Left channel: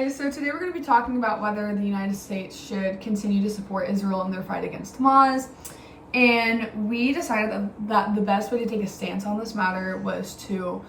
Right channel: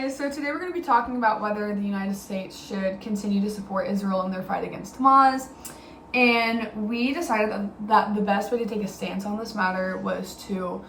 guys, so today we're going to be talking about whether the United States should continue to support Israel in their fight against Hamas. And we decided that the best way to take a stance on this matter was to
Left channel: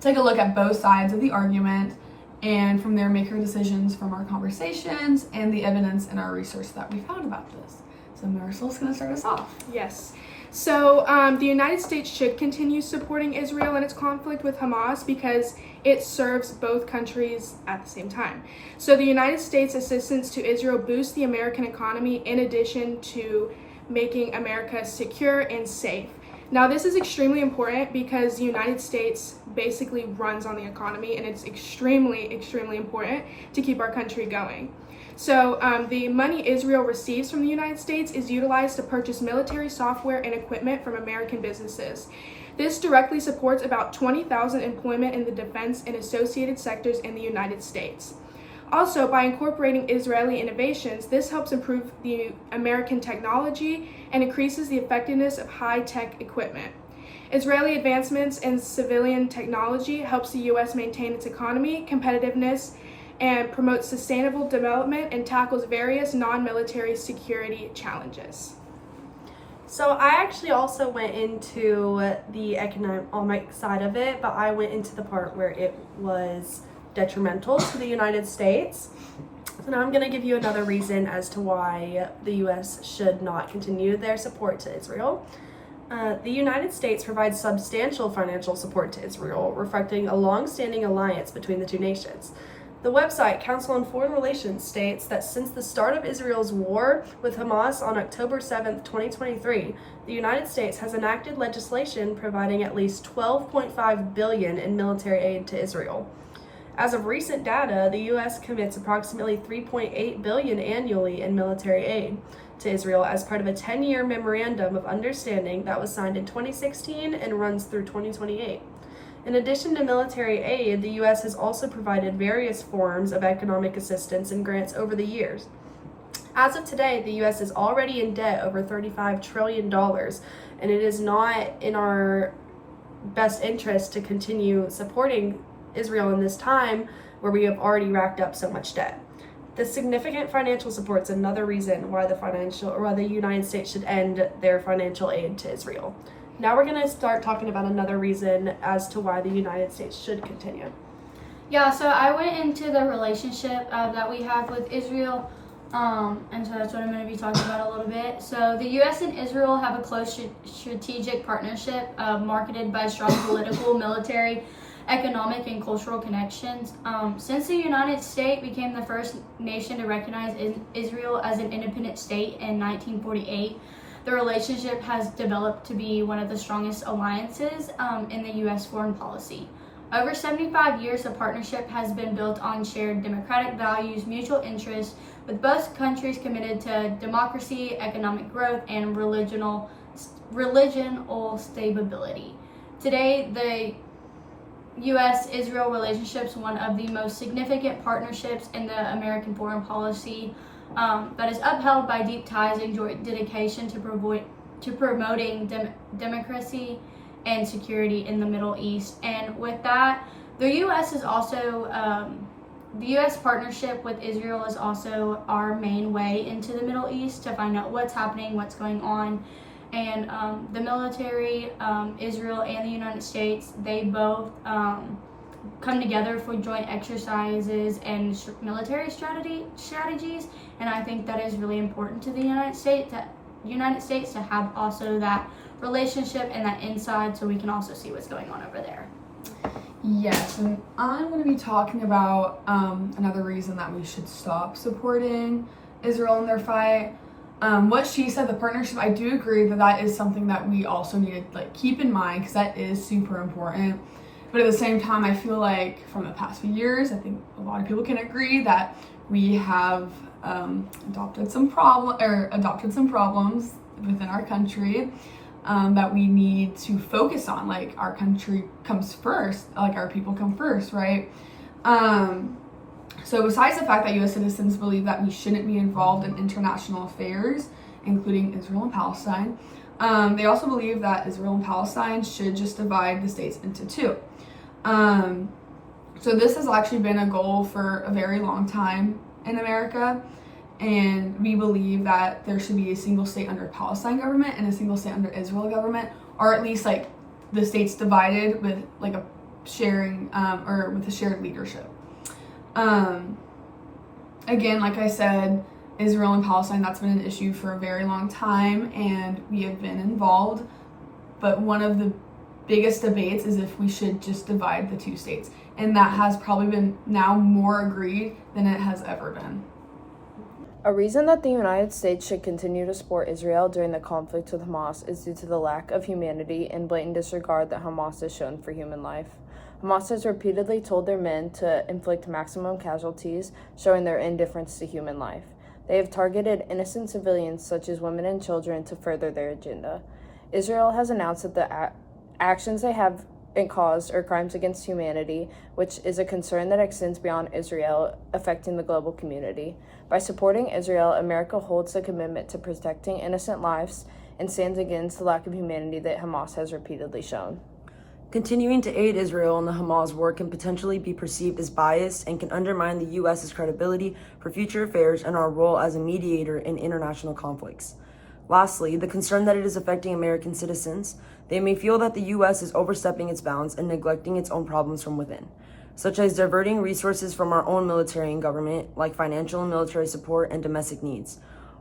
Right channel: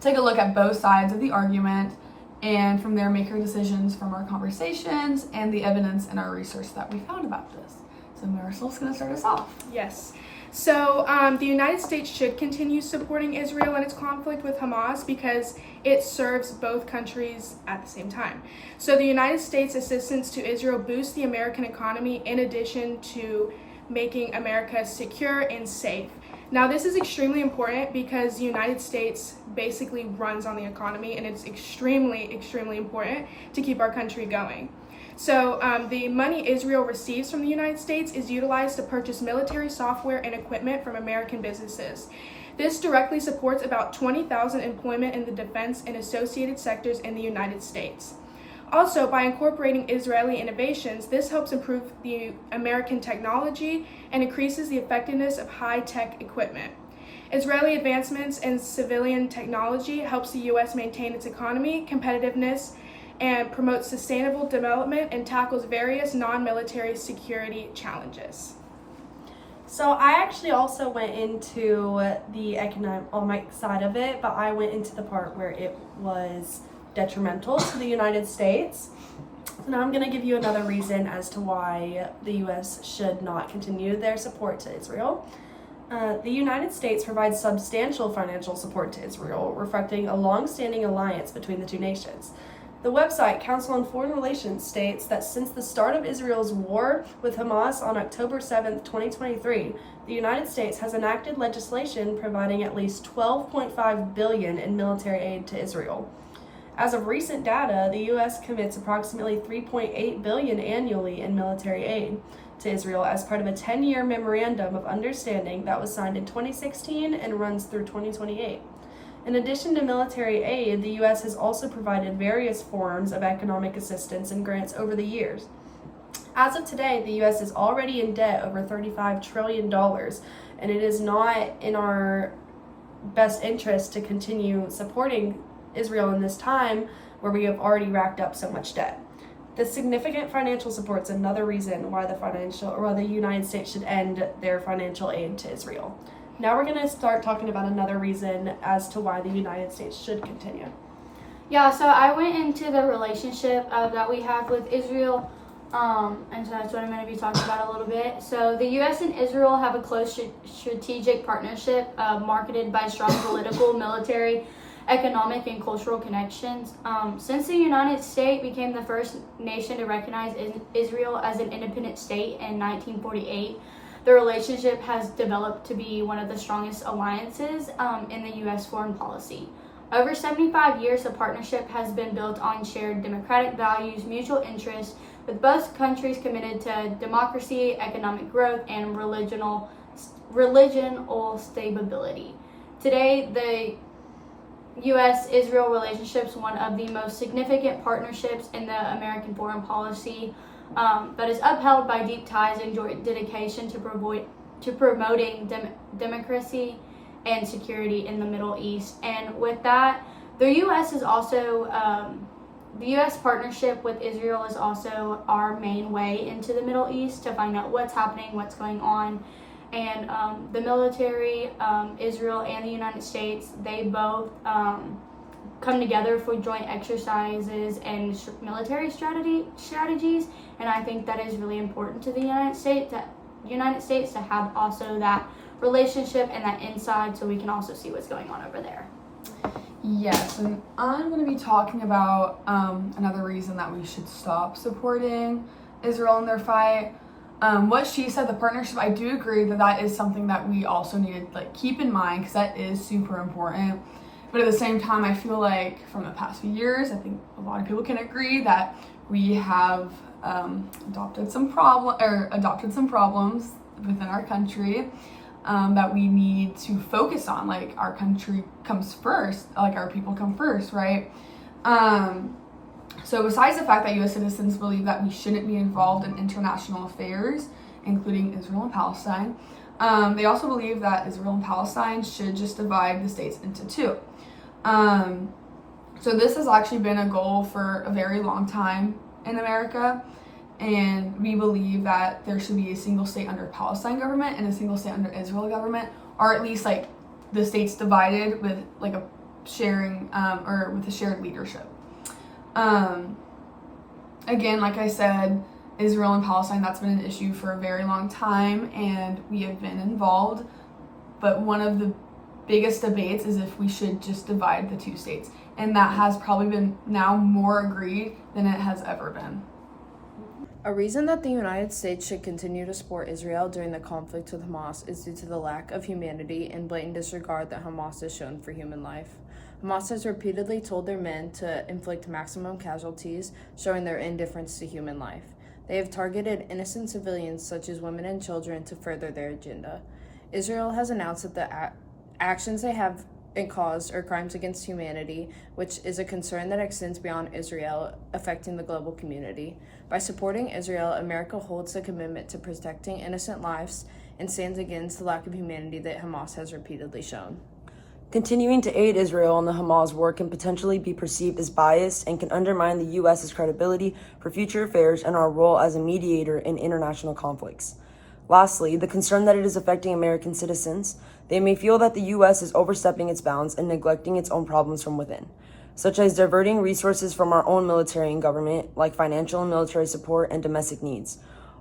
take a look at both sides of the argument, and from there make our decisions from our conversations and the evidence and our research that we found about this. So Marisol's going to start us off. Yes. So the United States should continue supporting Israel in its conflict with Hamas because it serves both countries at the same time. So the United States assistance to Israel boosts the American economy in addition to making America secure and safe. Now, this is extremely important because the United States basically runs on the economy, and it's extremely, extremely important to keep our country going. So the money Israel receives from the United States is utilized to purchase military software and equipment from American businesses. This directly supports about 20,000 employment in the defense and associated sectors in the United States. Also, by incorporating Israeli innovations, this helps improve the American technology and increases the effectiveness of high-tech equipment. Israeli advancements in civilian technology helps the U.S. maintain its economy, competitiveness, and promotes sustainable development and tackles various non-military security challenges. So I actually also went into the economic side of it, but I went into the part where it was detrimental to the United States. And I'm going to give you another reason as to why the U.S. should not continue their support to Israel. The United States provides substantial financial support to Israel, reflecting a long-standing alliance between the two nations. The website Council on Foreign Relations states that since the start of Israel's war with Hamas on October 7, 2023, the United States has enacted legislation providing at least $12.5 billion in military aid to Israel. As of recent data, the U.S. commits approximately $3.8 billion annually in military aid to Israel as part of a 10-year memorandum of understanding that was signed in 2016 and runs through 2028. In addition to military aid, the U.S. has also provided various forms of economic assistance and grants over the years. As of today, the U.S. is already in debt over $35 trillion, and it is not in our best interest to continue supporting Israel in this time where we have already racked up so much debt. The significant financial support is another reason why the United States should end their financial aid to Israel. Now we're going to start talking about another reason as to why the United States should continue. Yeah, so I went into the relationship that we have with Israel, and so that's what I'm going to be talking about a little bit. So the U.S. and Israel have a close strategic partnership marketed by strong political, military, economic, and cultural connections. Since the United States became the first nation to recognize Israel as an independent state in 1948, the relationship has developed to be one of the strongest alliances in the U.S. foreign policy. Over 75 years, the partnership has been built on shared democratic values, mutual interests, with both countries committed to democracy, economic growth, and religional stability. Today, the U.S.-Israel relationship is one of the most significant partnerships in the American foreign policy, but is upheld by deep ties and joint dedication to promoting democracy and security in the Middle East. And with that, the U.S. is also the U.S. partnership with Israel is also our main way into the Middle East to find out what's happening, what's going on. And the military, Israel and the United States, they both come together for joint exercises and military strategies. And I think that is really important to the United States to have also that relationship and that inside, so we can also see what's going on over there. Yes, and I'm going to be talking about another reason that we should stop supporting Israel in their fight. What she said, the partnership, I do agree that is something that we also need to keep in mind, because that is super important. But at the same time, I feel like from the past few years, I think a lot of people can agree that we have adopted some problems within our country that we need to focus on. Like, our country comes first, like our people come first, right? So besides the fact that U.S. citizens believe that we shouldn't be involved in international affairs, including Israel and Palestine, they also believe that Israel and Palestine should just divide the states into two. So this has actually been a goal for a very long time in America, and we believe that there should be a single state under Palestine government and a single state under Israel government, or at least like the states divided with like a sharing or with a shared leadership. Again, like I said, Israel and Palestine, that's been an issue for a very long time, and we have been involved. But one of the biggest debates is if we should just divide the two states. And that has probably been now more agreed than it has ever been. A reason that the United States should continue to support Israel during the conflict with Hamas is due to the lack of humanity and blatant disregard that Hamas has shown for human life. Hamas has repeatedly told their men to inflict maximum casualties, showing their indifference to human life. They have targeted innocent civilians such as women and children to further their agenda. Israel has announced that the actions they have caused are crimes against humanity, which is a concern that extends beyond Israel, affecting the global community. By supporting Israel, America holds the commitment to protecting innocent lives and stands against the lack of humanity that Hamas has repeatedly shown. Continuing to aid Israel in the Hamas war can potentially be perceived as biased and can undermine the U.S.'s credibility for future affairs and our role as a mediator in international conflicts. Lastly, the concern that it is affecting American citizens. They may feel that the U.S. is overstepping its bounds and neglecting its own problems from within, such as diverting resources from our own military and government, like financial and military support and domestic needs.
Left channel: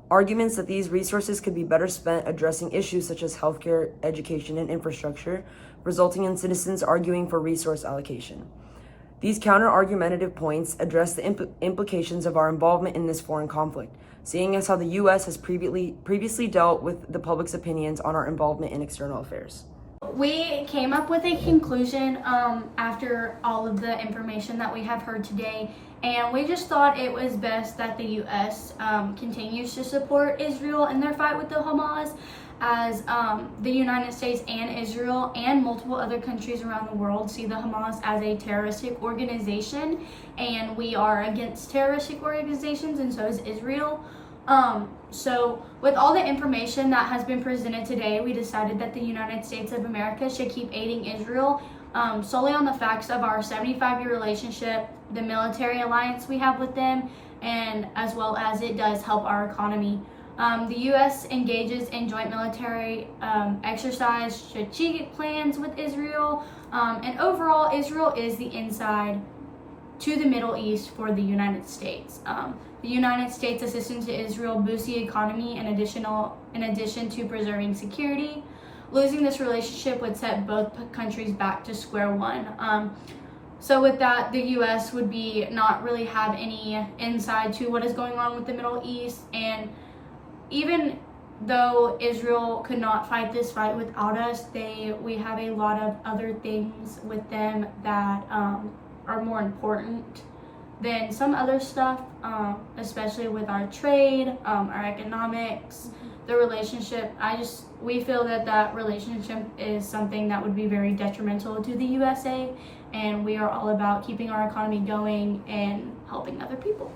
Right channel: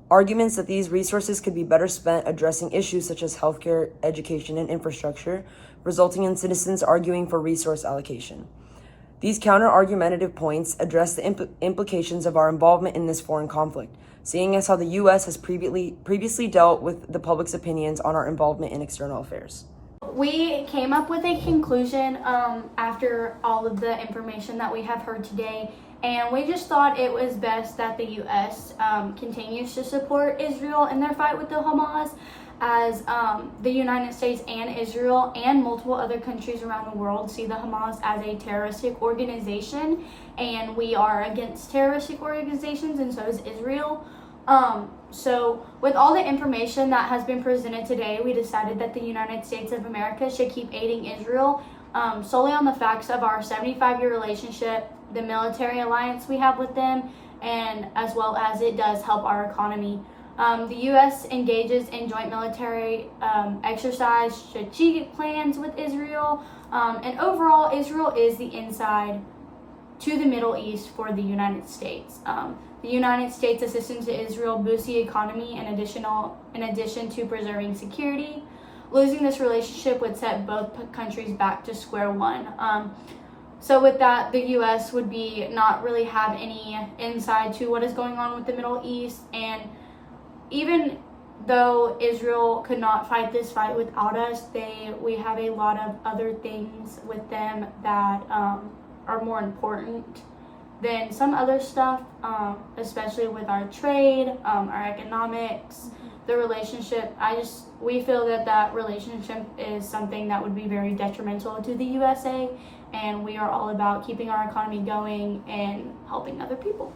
Arguments that these resources could be better spent addressing issues such as healthcare, education, and infrastructure, resulting in citizens arguing for resource allocation. These counter-argumentative points address the implications of our involvement in this foreign conflict, seeing as how the U.S. has previously dealt with the public's opinions on our involvement in external affairs. We came up with a conclusion after all of the information that we have heard today, and we just thought it was best that the U.S. Continues to support Israel in their fight with the Hamas, as the United States and Israel and multiple other countries around the world see the Hamas as a terroristic organization, and we are against terroristic organizations, and so is Israel. So with all the information that has been presented today, we decided that the United States of America should keep aiding Israel solely on the facts of our 75-year relationship, the military alliance we have with them, and as well as it does help our economy. The U.S. engages in joint military exercise strategic plans with Israel, and overall, Israel is the inside to the Middle East for the United States. The United States' assistance to Israel boosts the economy in addition to preserving security. Losing this relationship would set both countries back to square one. So with that, the U.S. would be not really have any insight to what is going on with the Middle East, and even though Israel could not fight this fight without us, we have a lot of other things with them that are more important than some other stuff, especially with our trade, our economics, the relationship. We feel that relationship is something that would be very detrimental to the USA, and we are all about keeping our economy going and helping other people.